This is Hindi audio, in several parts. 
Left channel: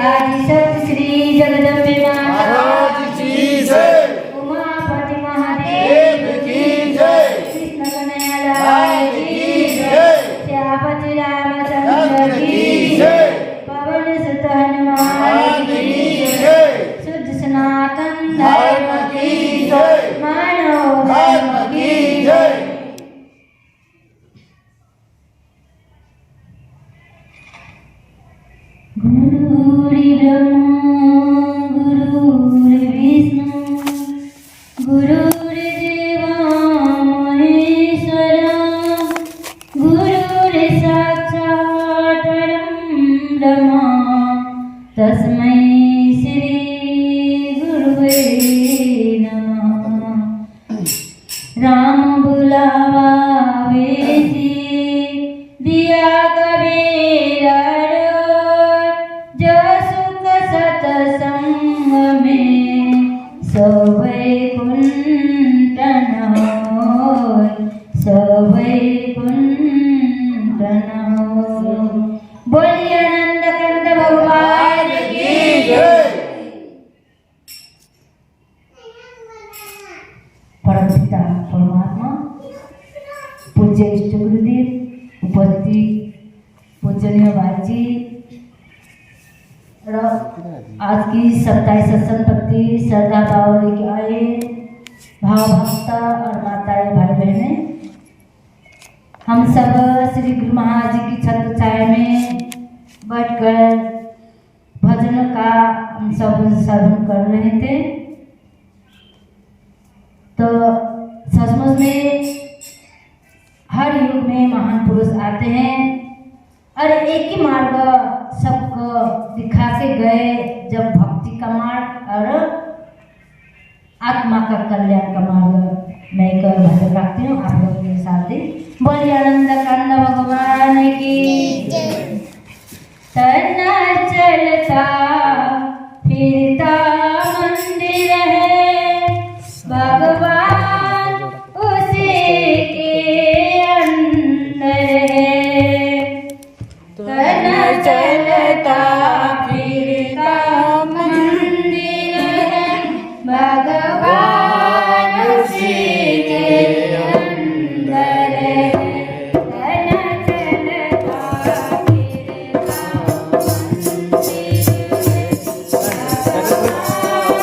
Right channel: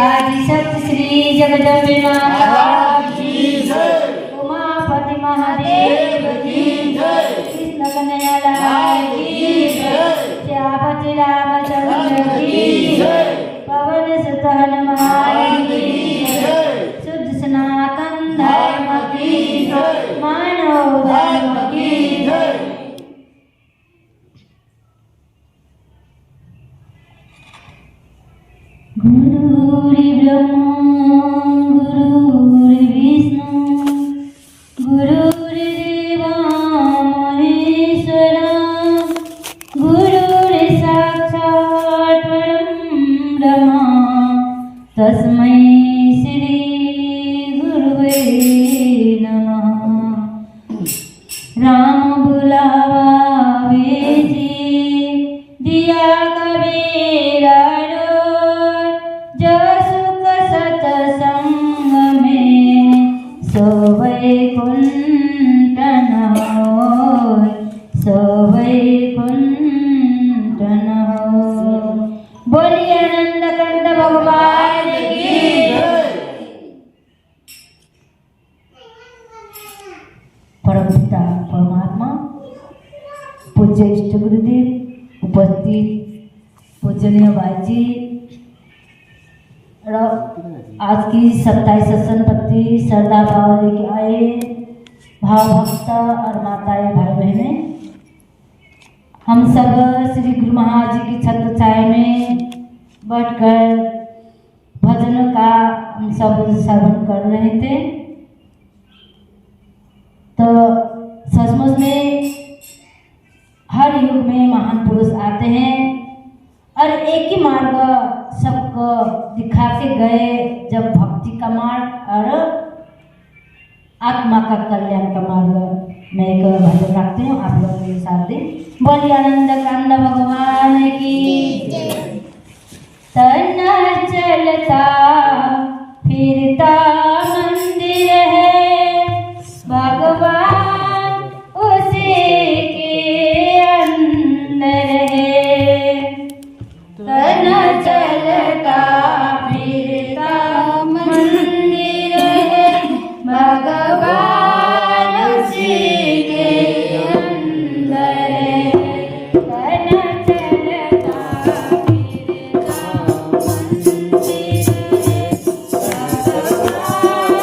आदि शक्ति श्री जगदम्बे माता महाराज की जय। उमापति महादेव की जय। कृष्ण कन्हैया लाल की जय। श्यामति रामचंद्र की जय। पवन सुत हनुमान की जय। शुद्ध सनातन धर्म की जय। मानव धर्म की जय। गुरुर्ब्रह्मा गुरुर्विष्णु गुरुर्देवो महेश्वरा गुरुर्साक्षात् परब्रह्म तस्मै श्री गुरुवे नमः। राम बुलावा वेजी दिया कबीरा जब सुख सतसंग में सोवै कुंठ न होय, सोवै कुंठ न होय। बोलिए आनंद कंद भगवान की जय। परमपिता परमात्मा पूज्य इष्ट गुरुदेव उपस्थित पूजनीय बाजी और आज की 27 संपत्ति श्रद्धा भाव लेके आए भाव भक्ता और माताएं भाई बहने, हम सब श्री गुरु महाराज जी की छत्र छाया में बैठकर भजन का हम सब श्रवण कर रहे थे। तो सचमुच में हर युग में महान पुरुष आते हैं और एक ही मार्ग सबको दिखा के गए, जब भक्ति का मार्ग और आत्मा का कल्याण का मार्ग। मैं एक भजन रखती हूँ, आप लोग मेरे साथ दें। बोलिए आनंद कंद भगवान की। तना चलता फिरता मंदिर है भगवान उसी के अंदर है। तना चलता फिरता मंदिर है भगवान उसी के अंदर है। तना चलता फिरता मंदिर है भगवान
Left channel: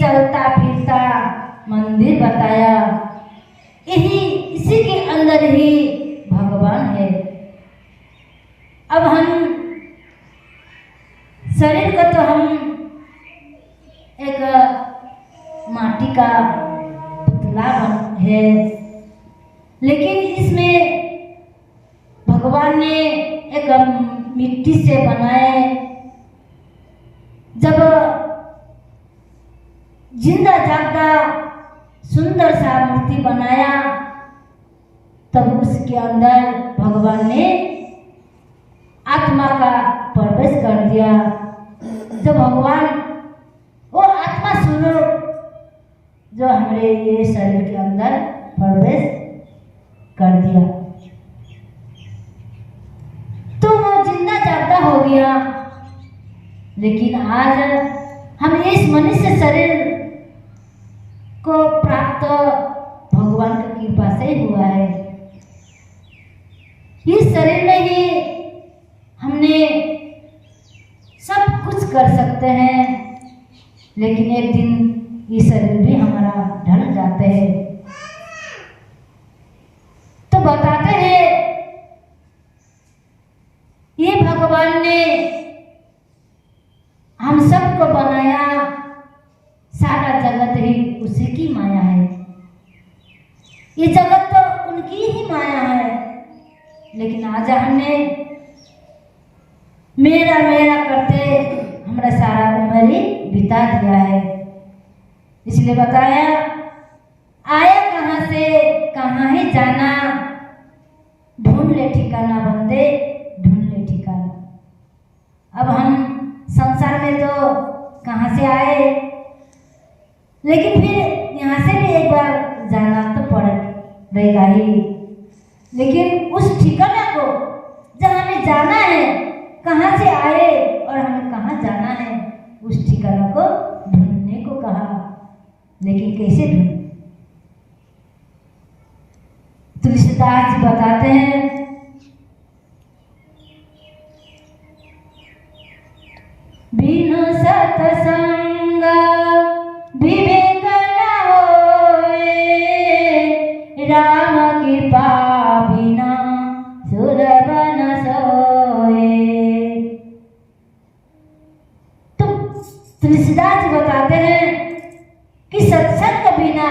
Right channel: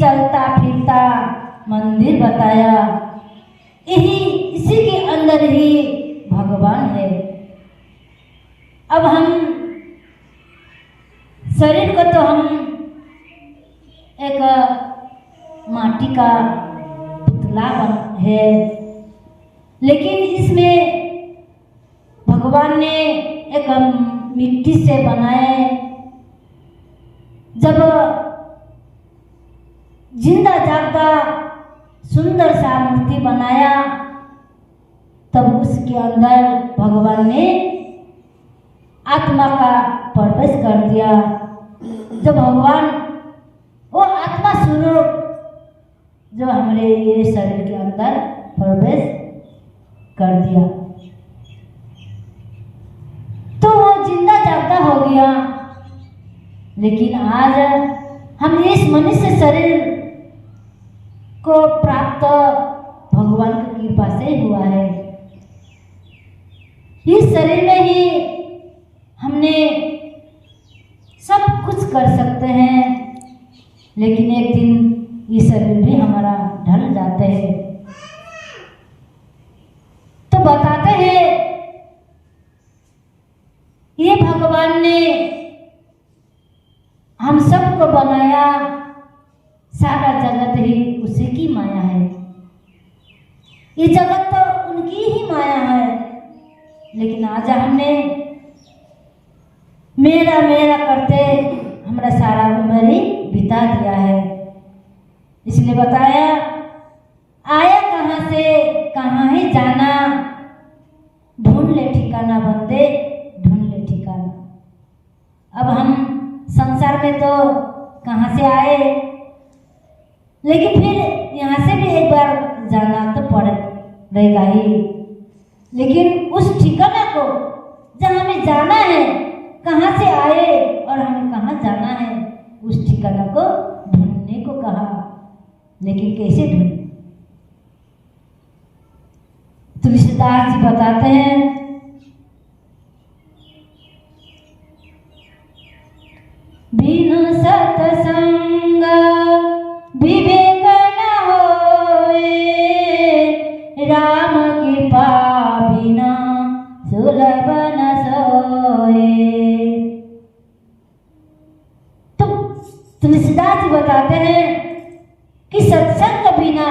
चलता फिरता मंदिर बताया। इसी के अंदर ही भगवान है। अब हम शरीर को तो हम एक माटी का पुतला है, लेकिन इसमें भगवान ने एक मिट्टी से बनाए। जब जिंदा जागता सुंदर सा मूर्ति बनाया, तब उसके अंदर भगवान ने आत्मा का प्रवेश कर दिया। जब भगवान वो आत्मा स्वरूप जो हमारे ये शरीर के अंदर प्रवेश कर दिया, तो वो जिंदा जागता हो गया। लेकिन आज हम इस मनुष्य शरीर को प्राप्त भगवान की कृपा से हुआ है। इस शरीर में ही हमने सब कुछ कर सकते हैं, लेकिन एक दिन ये शरीर भी हमारा ढल जाते हैं। तो बताते हैं ये भगवान ने हम सबको बनाया, सारा जगत ही उसी की माया है। ये जगत तो उनकी ही माया है, लेकिन आज हमने मेरा मेरा करते हमारा सारा उम्र ही बिता दिया है। इसलिए बताया आया कहाँ से कहाँ ही जाना, ढूंढ ले ठिकाना बंदे ढूंढ ले ठिकाना। अब हम संसार में तो कहाँ से आए, लेकिन फिर यहाँ से भी एक बार जाना तो पड़ेगा ही। लेकिन उस ठिकाना को जहाँ हमें जाना है, कहाँ से आए और हमें कहाँ जाना है, उस ठिकाना को ढूंढने को कहा। लेकिन कैसे ढूंढे? तुलसीदास जी बताते हैं, बिनु सत्संग विवेक न होए, राम कृपा बिना सुलभ न सोए। तो तुलसीदास जी बताते हैं कि सत्संग के बिना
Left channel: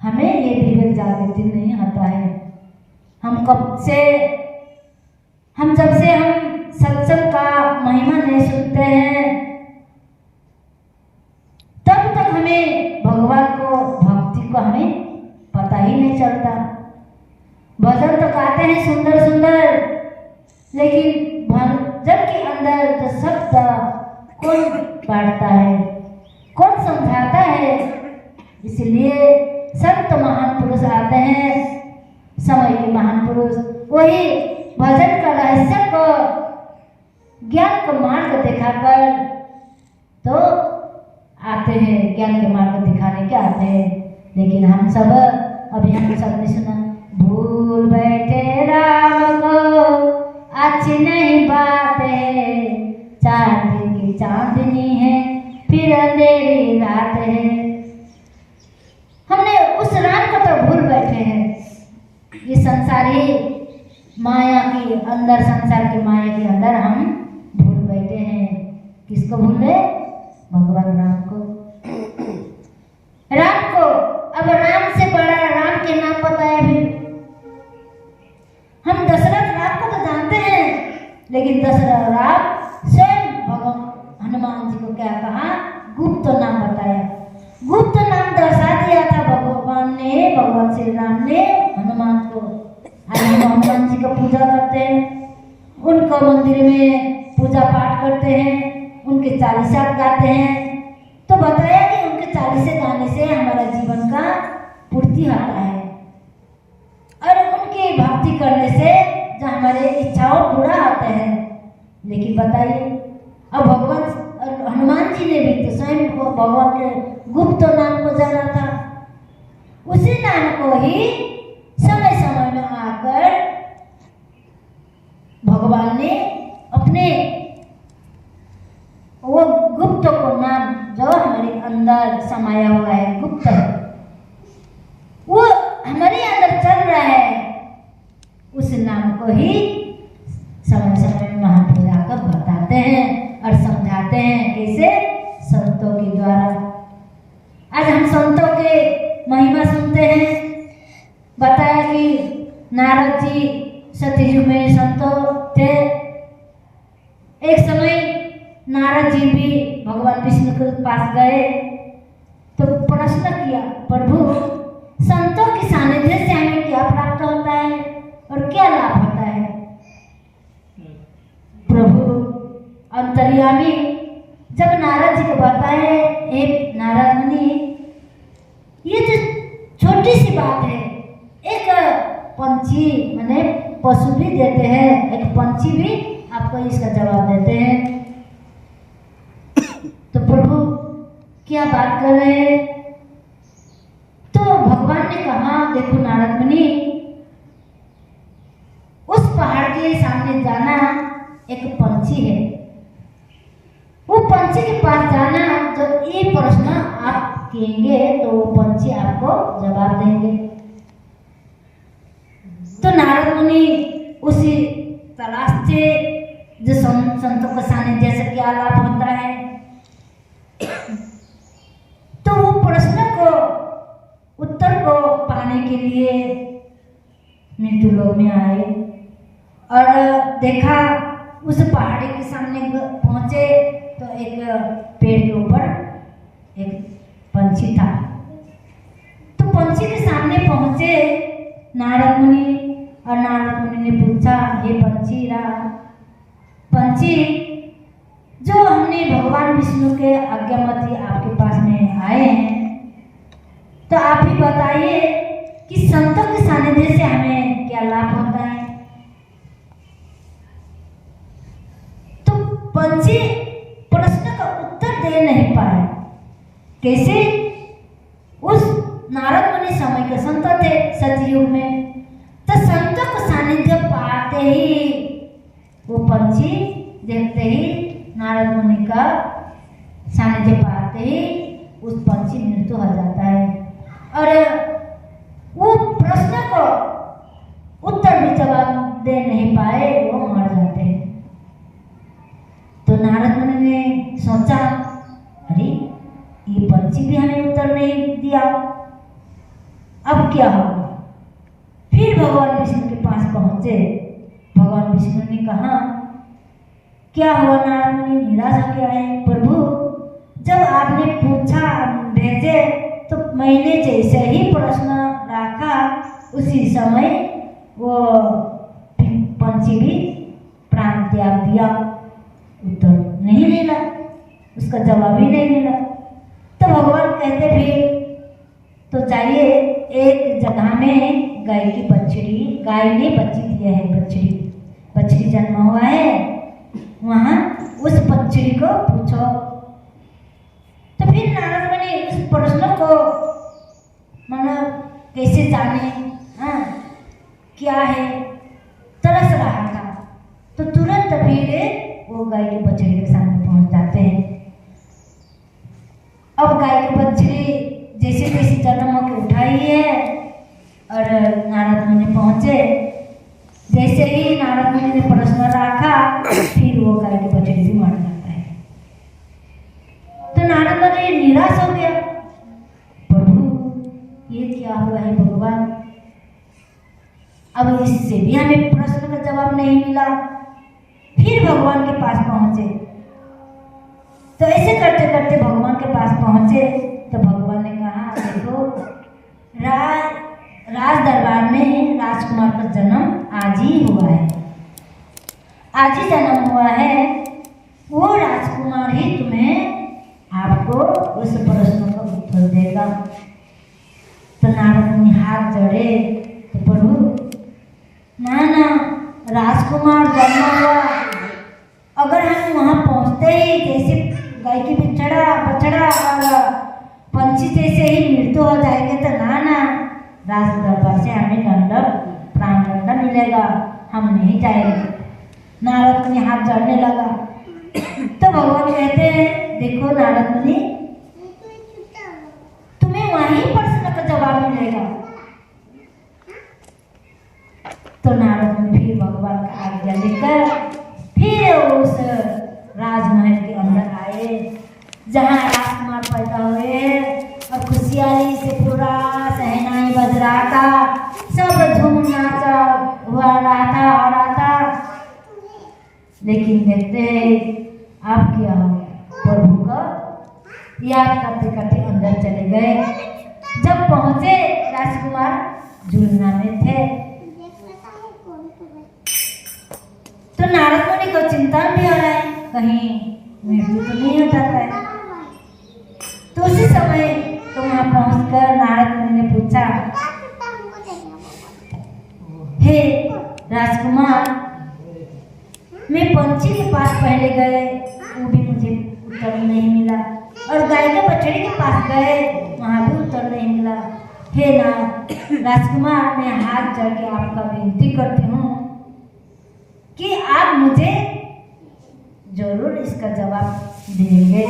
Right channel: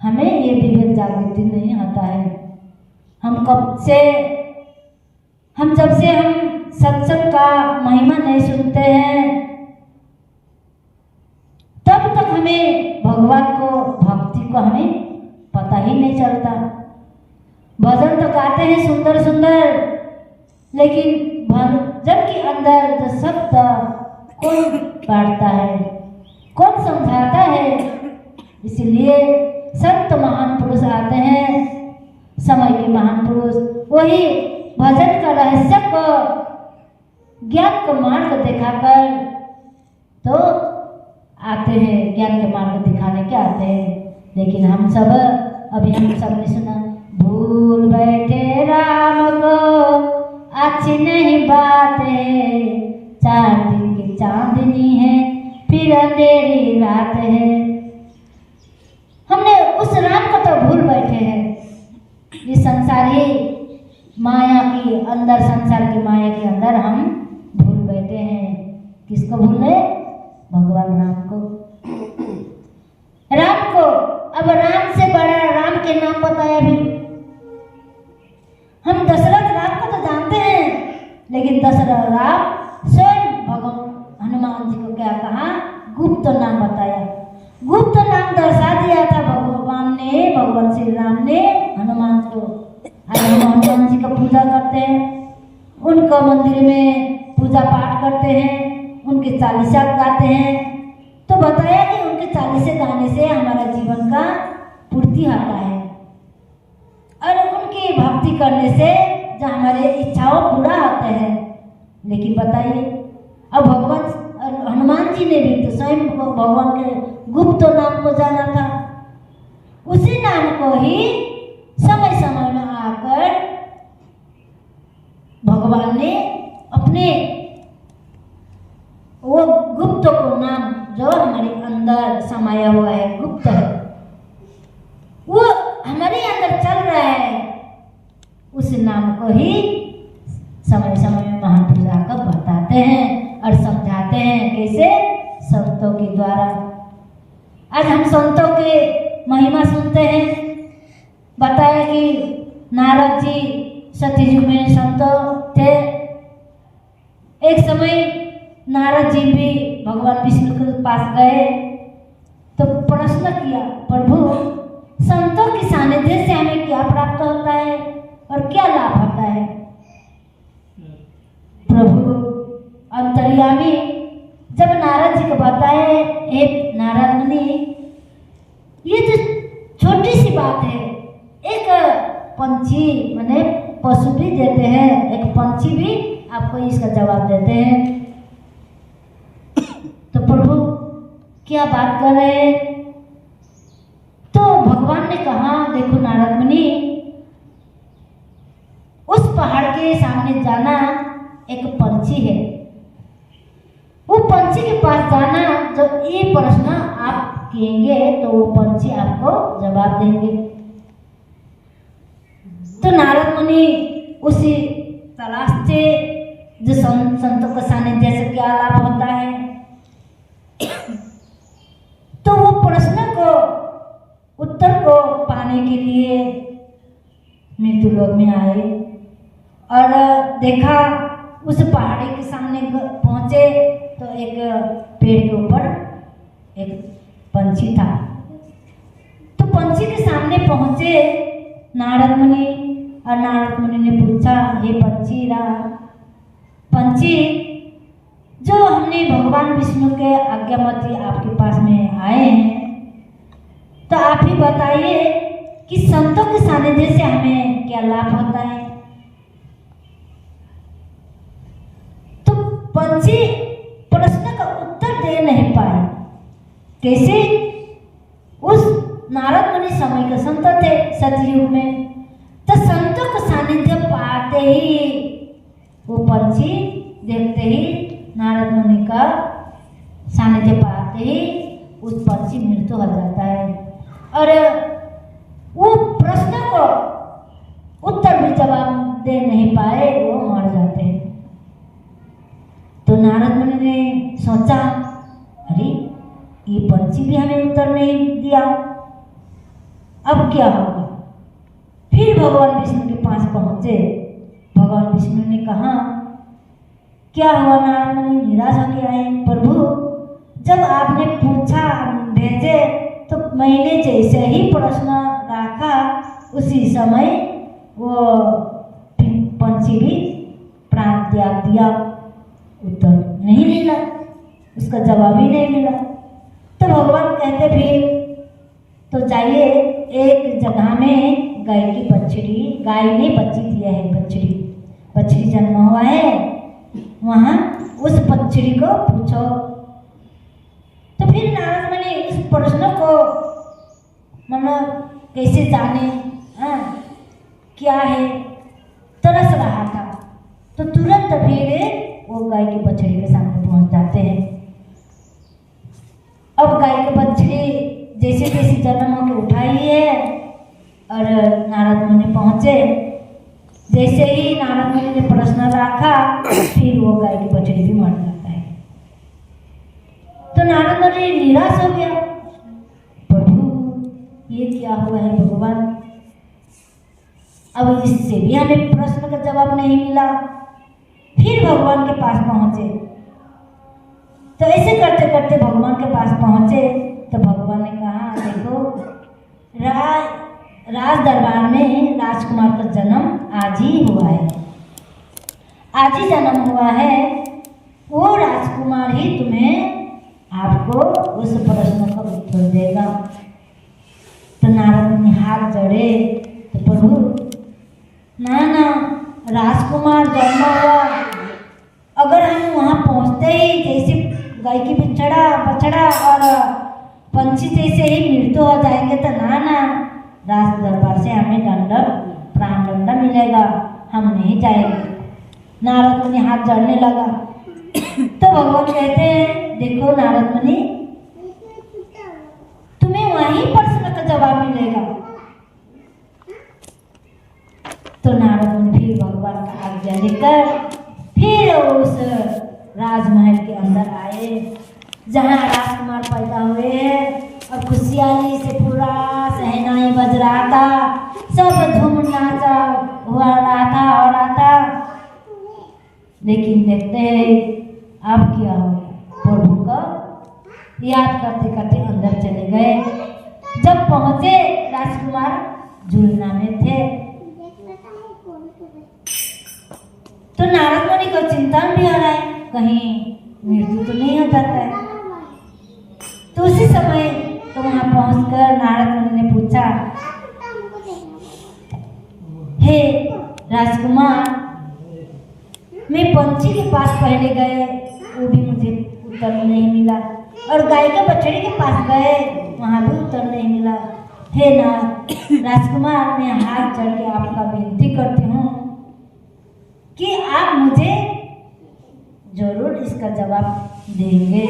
हमें ये विवेक जागृति नहीं आता है। हम जब से हम सत्संग का महिमा नहीं सुनते हैं, तब तक हमें भगवान को भक्ति को हमें पता ही नहीं चलता। भजन तो गाते हैं सुंदर सुंदर, लेकिन भजन के अंदर जो शब्द कौन बांटता है, कौन समझाता है? इसलिए संत महान पुरुष आते हैं, समय के महान पुरुष, वही भजन का रहस्य को ज्ञान का मार्ग दिखाकर तो आते हैं, ज्ञान के मार्ग दिखाने के आते हैं। लेकिन हम सब ने सुना, भूल बैठे राम को अच्छी नहीं बात है, 4 दिन की चांदनी है फिर अंधेरी रात है। हमने उस राम को तो भूल बैठे हैं। ये संसारी माया की अंदर, संसार की माया के अंदर हम भूल बैठे हैं। किसको भूल रहे? भगवान राम को। अब राम से बड़ा राम के नाम बताए भी। हम दशरथ राम को तो जानते हैं, लेकिन दशरथ राम स्वयं भगवान हनुमान जी को क्या कहा? गुप्त नाम बताया। गुप्त नाम दर्शा दिया था भगवान श्री राम ने हनुमान को। हनुमान जी का पूजा करते हैं, उनका मंदिर में पूजा पाठ करते हैं, उनके चालीसा गाते हैं। तो बताया कि उनके चालीसे गाने से हमारा जीवन का पूर्ति आता है, और उनकी भक्ति करने से जो हमारे इच्छाओं पूरा होते हैं। लेकिन बताइए, अब भगवान हनुमान जी ने भी तो स्वयं को भगवान के गुप्त नाम को जाना था। उसी नाम को ही समय समय में आकर भगवान ने अपने वो गुप्त को नाम जो हमारे को ही समय समय में महाप्रभु जाकर बताते हैं और समझाते हैं। कैसे? संतों के द्वारा। आज हम संतों के महिमा सुनते हैं। बताया कि नारद जी सतयुग में संतों थे। एक समय नारद जी भी भगवान विष्णु के पास गए तो प्रश्न किया, प्रभु संतों के सानिध्य से हमें क्या प्राप्त होता है और क्या लाभ होता है? प्रभु अंतर्यामी जब नारद जी को बताए, एक नारद मुनि, ये तो छोटी सी बात है। एक पंछी माने पशु भी देते हैं, एक पंछी भी आपको इसका जवाब देते हैं। तो प्रभु क्या बात कर रहे हैं? तो भगवान ने कहा, देखो नारद मुनि, उस पहाड़ के सामने जाना, एक पंछी है, वो पंछी के पास जाना, जब ये प्रश्न आप कहेंगे तो वो पंछी आपको जवाब देंगे। तो नारद मुनि उसी तलाश से जो संतों के सानिध्य से क्या लाभ होता है, तो वो प्रश्न को उत्तर को पाने के लिए मृत्यु लोक में आए और देखा उस पहाड़ी के सामने पहुंचे तो एक पेड़ के ऊपर एक पंछी था। तो पंछी के सामने पहुंचे नारद मुनि और नारद मुनि ने पूछा, ये पंछी जो हमने भगवान विष्णु के आज्ञामती आपके पास में आए हैं, तो आप ही बताइए कि संतों के सानिध्य से हमें क्या लाभ होता है? तो पंछी प्रश्न का उत्तर दे नहीं पाए। कैसे? उस नारद मुनि समय के संत थे सतयुग में, तो संतों को सानिध्य पाते ही वो पंछी देखते ही नारद मुनि का सानिध्य पाते ही उस पंछी मृत्यु हो जाता है और वो प्रश्न को उत्तर भी जवाब दे नहीं पाए, वो मर जाते हैं। तो नारद मुनि ने सोचा, अरे ये पंछी भी हमें उत्तर नहीं दिया, अब क्या होगा? फिर भगवान विष्णु के पास पहुंचे। भगवान विष्णु ने कहा, क्या हुआ नारद मुनि, निराश हो गया है? प्रभु जब आपने पूछा भेजे तो मैंने जैसे ही प्रश्न रखा उसी समय वो पंछी भी प्राण त्याग दिया। उत्तर नहीं मिला, उसका जवाब ही नहीं मिला। तो भगवान कहते फिर तो जाइए एक जगह में गाय की बछड़ी, गाय ने बच्ची दिया है, बछड़ी जन्म हुआ है, वहाँ उस बछड़ी को पूछो। तो फिर नारद मुनि उस प्रश्न को मतलब कैसे जाने, क्या है, तरस रहा था। तो तुरंत फिर वो गाय की बछड़ी के सामने पहुंच जाते हैं। अब गाय की बछड़ी जैसे तैसे जन्म होकर उठाई है और नारद मुनि पहुंचे। जैसे ही नारद मुनि ने प्रश्न रखा फिर वो गाय की बछड़ी भी मर जाता है। तो नारद मुनि निराश हो गया, प्रभु ये क्या हुआ है भगवान? अब इससे भी हमें प्रश्न का जवाब नहीं मिला। फिर भगवान के पास पहुंचे। तो ऐसे करते करते भगवान के पास पहुंचे तो भगवान ने कहा, देखो राज दरबार में राजकुमार का जन्म आज ही हुआ है, आज ही जन्म हुआ है। वो राजकुमार ही तुम्हें आपको उस प्रश्न का उत्तर देगा। तो नारद मुनि हाथ जोड़े, तो प्रभु ना राजकुमार जन्म हुआ, अगर हम वहाँ पहुँचते ही जैसे गाय की बछड़ा और पंछी जैसे ही मृत्यु हो जाएंगे तो ना राज दरबार से हमें प्राण दंड मिलेगा, हम नहीं जाएंगे। नारद मुनि हाथ जोड़ने लगा। तो भगवान कहते हैं, देखो नारद मुनि, तुम्हें वहीं प्रश्न का जवाब मिलेगा। तो नारद मुनि फिर भगवान आज्ञा लेकर फिर उस राजमहल के अंदर आए जहाँ राजकुमार पैदा हुए और खुशहाली से पूरा सहनाई बज रहा था, सब झूम नाचा हुआ रहा था हो रहा था। लेकिन देखते हैं अब क्या हो गया, प्रभु को याद करते करते अंदर चले गए। जब पहुंचे राजकुमार झूलना में थे तो नारद मुनि को चिंता भी हो रहा है, कहीं मृत्यु तो नहीं हो जाता है। तो उसी समय तो वहां पहुंचकर नारद मुनि ने पूछा, हे राजकुमार, मैं पंछी के पास पहले गए, वो भी मुझे उत्तर नहीं मिला, और गाय के बछड़े के पास गए, वहां भी उत्तर नहीं मिला। हे राजकुमार, मैं हाथ जोड़ के आपका विनती करती हूँ कि आप मुझे जरूर इसका जवाब देंगे।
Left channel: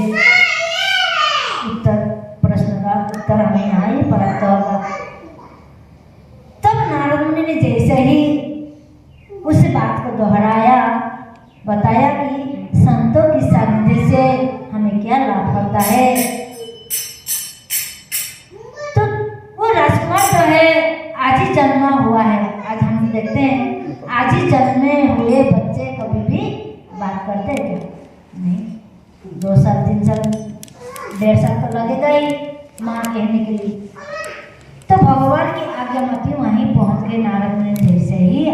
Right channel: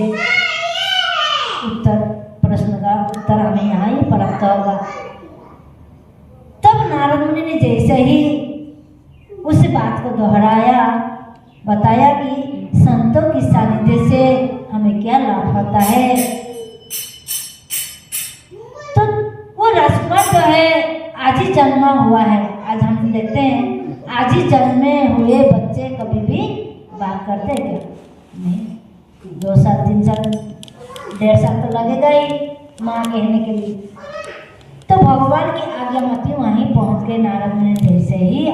प्रश्न का उत्तर हमें यहाँ ही प्राप्त होगा। तब नारद मुनि ने जैसे ही उस बात को दोहराया, बताया कि संतों की सानिध्य से हमें क्या लाभ होता है। तो वो राजकुमार जो है आज ही जन्मा हुआ है। आज हम देखते हैं आज ही जन्मे हुए बच्चे कभी भी बात करते हैं क्या? नहीं। 2 साल 3 साल 1.5 साल तो लगेगा ही माँ कहने के लिए। तो भगवान की आज्ञा मती वहीं पहुंच गए। नारद ने जैसे ही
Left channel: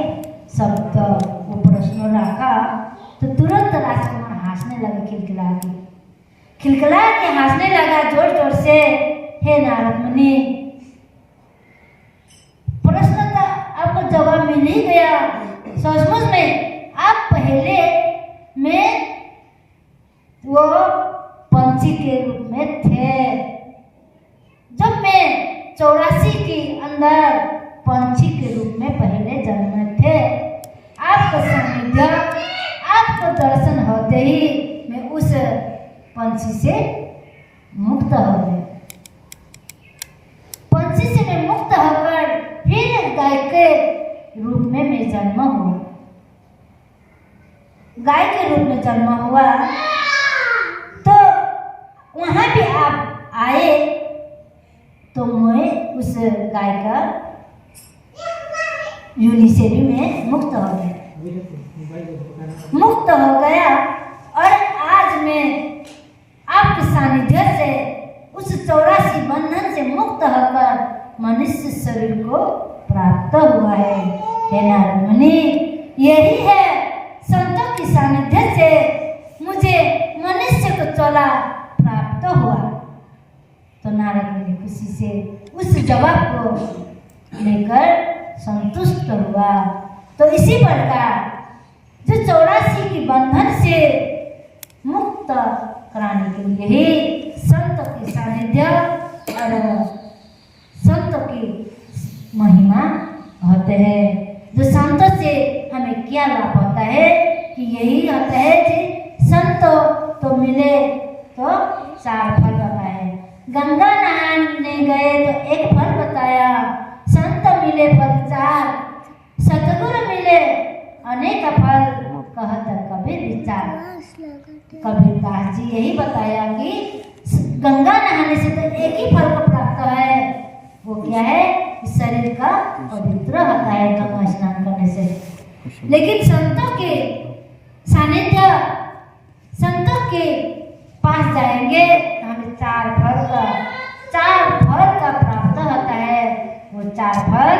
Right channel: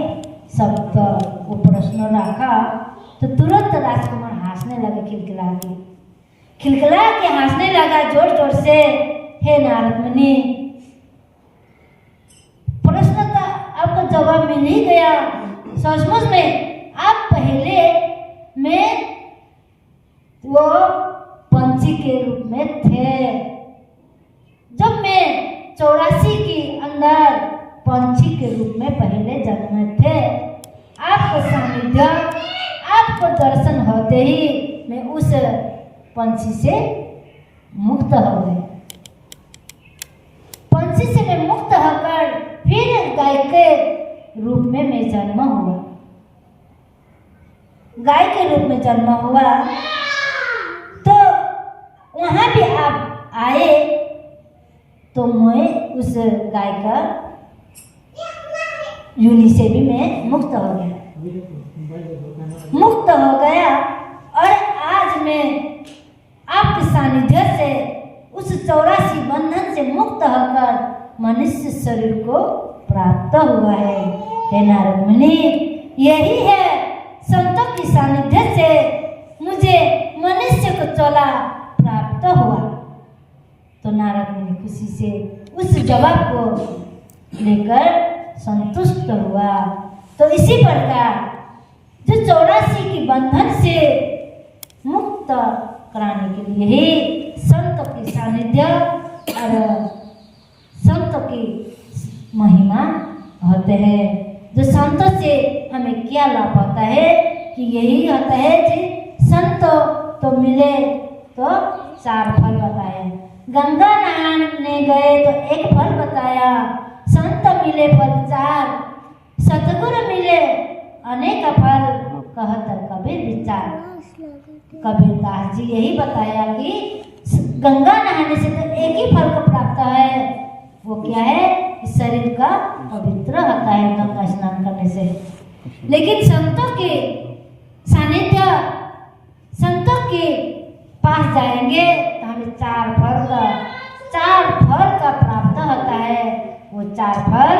सबका वो प्रश्न रखा तो तुरंत राजकुमार हंसने लगे, खिलखिला के हंसने लगा जोर जोर से। हे नारद मुनि, प्रश्न का आपको जवाब मिल ही गया। सचमुच में आप पहले में वो पंछी के रूप में थे। जब मैं 84 के अंदर पंछी के रूप में पहले जन्मे थे, आपको सानिध्य, आपको दर्शन होते ही मैं उस पंछी से मुक्त हो गए। पंछी से मैं मुक्त होकर फिर गाय के रूप में मैं जन्म हुआ। गाय के रूप में जन्म हुआ तो वहां भी आप आए तो मैं उस गाय का योनि से भी मैं मुक्त हो गया और आज मैं आपके सानिध्य से उस 84 बंधन से मुक्त होकर मनुष्य शरीर को प्राप्त हुआ है। हे नारद मुनि, यही है संतों की सानिध्य से मुझे मनुष्य को चला प्राप्त हुआ। तो नारद मुनि खुशी से उस जवाब को लेकर संतुष्ट हुआ। तो इसी प्रकार जो 84 की बंधन से मुक्त कराने के लिए ही संतों की सानिध्य और संतों की महिमा होते हैं। जो संतों से हमें क्या लाभ होता है कि यही होता है कि संत तो मिले तो 4 फल बताए। गंगा नहाने गए तो 1 फल बताया, संत मिले फल 4, सतगुरु मिले अनेक फल, कहत कबीर विचार। कबीरदास जी यही बताया कि गंगा नहाने से तो एक ही फल को प्राप्त है, वो क्या है? शरीर का पवित्र होता है गंगा स्नान करने से। लेकिन संतों के सानिध्य, संतों के पास जाएंगे तो हमें 4 फल का प्राप्त होता है। वो 4 फल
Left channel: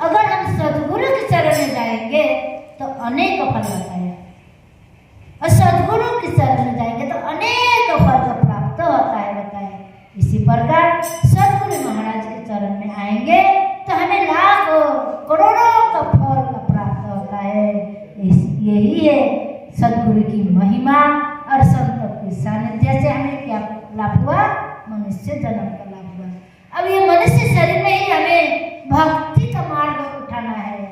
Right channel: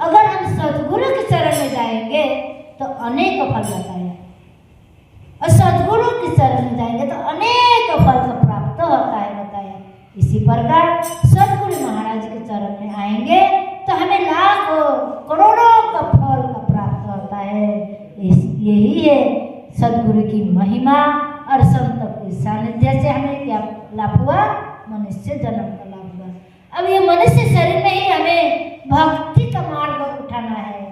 अगर हम सद्गुरु के चरण में जाएंगे तो अनेक फल होता है, और सद्गुरु के चरण में जाएंगे तो अनेक फल का प्राप्त होता है बताए। इसी प्रकार सद्गुरु महाराज के चरण में आएंगे तो हमें लाखों करोड़ों का फल का प्राप्त होता है। यही है सद्गुरु की महिमा और संतों की सानिध्य से हमें क्या लाभ हुआ? मनुष्य जन्म का लाभ हुआ। अब ये मनुष्य शरीर में ही हमें भक्ति का मार्ग उठाना है,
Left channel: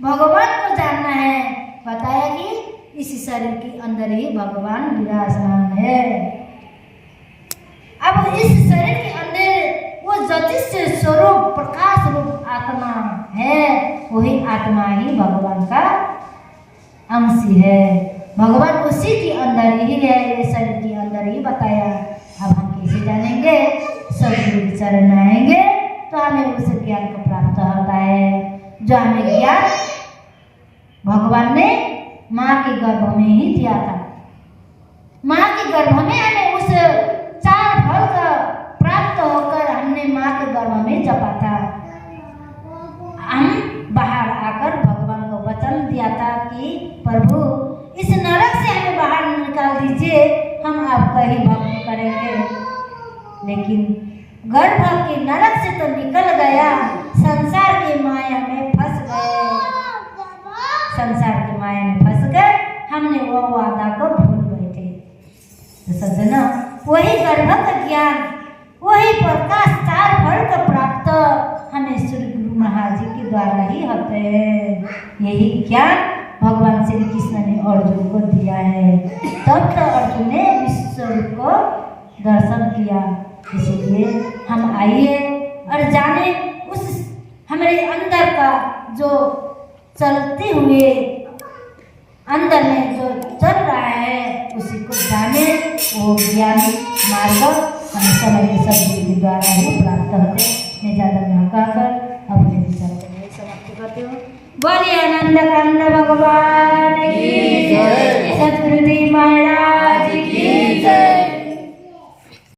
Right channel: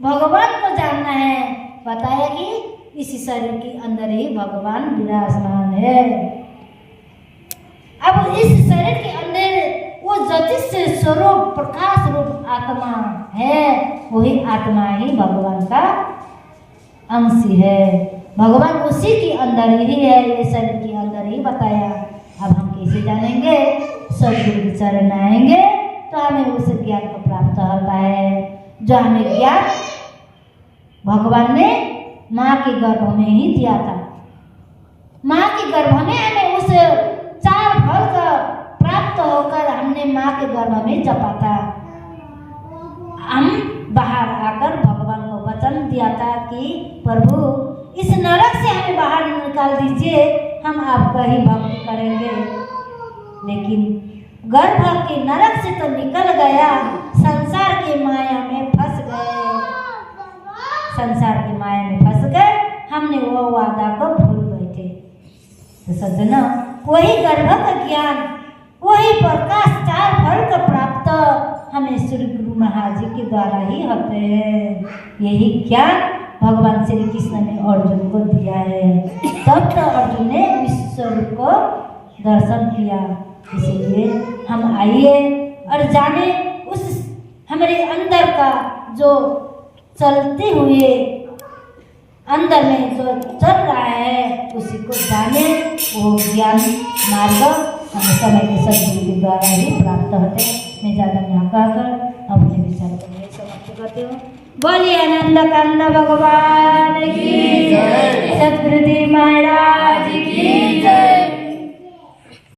भगवान को जानना है। बताया कि इस शरीर के अंदर ही भगवान विराजमान है। अब इस शरीर के अंदर वो ज्योतिष स्वरूप प्रकाश रूप आत्मा है, वही आत्मा ही भगवान का अंश है। भगवान उसी के अंदर ही है, ये शरीर के अंदर ही बताया। अब हम कैसे जानेंगे? सदगुरु के चरण आएंगे तो हमें उस ज्ञान को प्राप्त होता है, जो हमें ज्ञान भगवान ने माँ के गर्भ में ही दिया था। माँ के गर्भ में हमें उस 4 फल का प्राप्त होकर हमने माँ के गर्भ में जपा था। हम बाहर आकर भगवान को वचन दिया था कि प्रभु इस नरक से हमें बाहर निकाल दीजिए, हम आपका ही भक्त करेंगे। लेकिन गर्भ के नरक से तो निकल गया, संसार के माया में फंस गए। संसार की माया में फंस गए, हमने वो वादा को भूल बैठे। तो सज्जनों, वही गर्भ का ज्ञान, वही प्रकाश 4 फल का प्राप्त हमें श्री गुरु महाराज जी के द्वारा ही होते हैं। यही ज्ञान भगवान श्री कृष्ण ने अर्जुन को दिया है। तब तो अर्जुन ने विश्व रूप को दर्शन किया। इसीलिए हम आइए और जाने उस हमारे अंदर का जो चलते हुए अंदर में जो चल रहा है उसी को जाने। वो ज्ञान मार्ग हमें समय के सदगुरु के द्वारा ही प्राप्त होते। मैं ज़्यादा यहाँ कहकर अपने विचार को समाप्त करती हूँ। बोलिए आनंद कंद भगवान की जय, सद्गुरुदेव महाराज।